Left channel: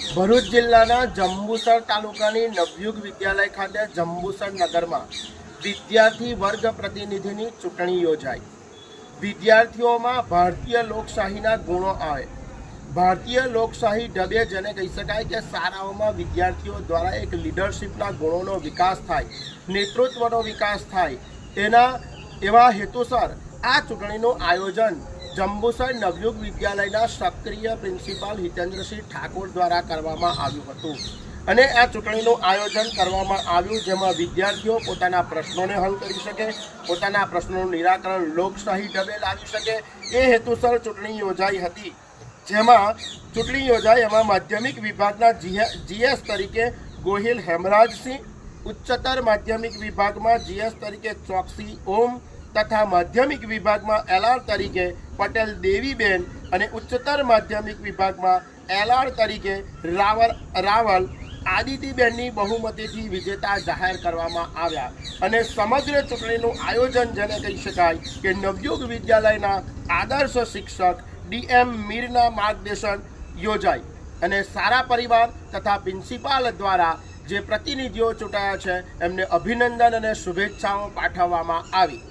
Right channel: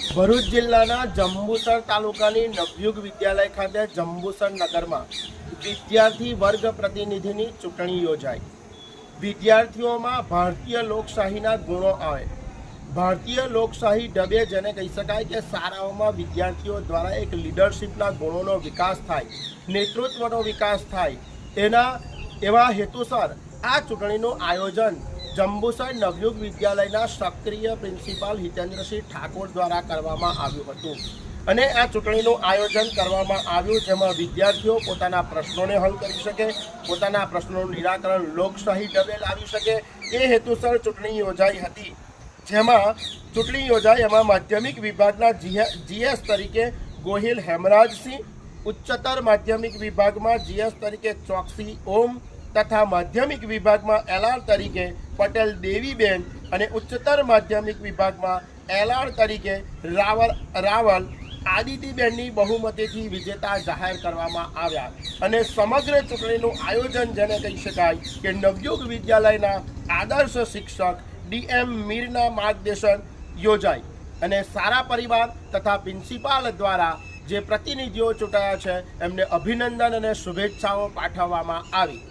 ભરૂચ જિલ્લાના જંબુસર તાલુકાની નવયુગ વિદ્યાલય ખાતે જંબુસર નગરમાં વિદ્યાર્થી વર્ગ પ્રતિનિધિની ચૂંટણી યોજાઈ. વિદ્યાર્થીઓમાં ભારતીય લોકશાહીના ગુણો આવે. ભારતીય લોકશાહી ઢબે જેને કહી શકાય કે શાળાઓમાં વિદ્યાર્થીઓ દ્વારા એક લીડરશિપના ગુણોનો વિકાસ થાય, નેતૃત્વનો વિકાસ થાય, તેના એવા હેતુસર આ ચૂંટણીનું આયોજન જંબુસર નવયુગ વિદ્યાલયના સક્રિય પ્રિન્સિપાલ હિતેન્દ્રસિંહ ઠાકોર દ્વારા કરવામાં આવ્યું હતું. અને આ ચૂંટણીનું આયોજન કરવામાં આવ્યું જેમાં વિદ્યાર્થીઓ પોતાના પ્રશ્નોને હલ કરી શકે, પોતાના પ્રશ્નોનું નિરાકરણ લોકશાહી ઢબે લાવી શકે. એ હેતુસર ચૂંટણી યોજાઈ હતી, જેમાં ચૂંટણી યોજાઈ એમાં માધ્યમિક વિભાગના જીએસ તરીકે ગોહિલ હેમરાજસિંહ, ઉચ્ચતર માધ્યમિક વિભાગમાં જીએસ તરીકે ચોકસી ઓમ તથા માધ્યમિક વિભાગમાં એલઆર તરીકે પટેલ દેવીબેન અને ઉચ્ચતર માધ્યમિક વિભાગમાં એલઆર તરીકે રાવલ રાવલ આદિતિબેનની બહુમતીથી વિજેતા જાહેર કરવામાં આવ્યા. અને સમગ્ર ચૂંટણીનું આયોજન જેને કહી શકાય કે નવયુગ વિદ્યાલયના આદર્શ શિક્ષક ડીએમ મીરના માર્ગદર્શન યોજાય. અને સારા પરિવાર તથા પ્રિન્સિપાલ દ્વારા જે પ્રતિનિધિઓ ચૂંટાયા છે, એમને અભિનંદન અને શુભેચ્છાઓ પાઠવવામાં આવી.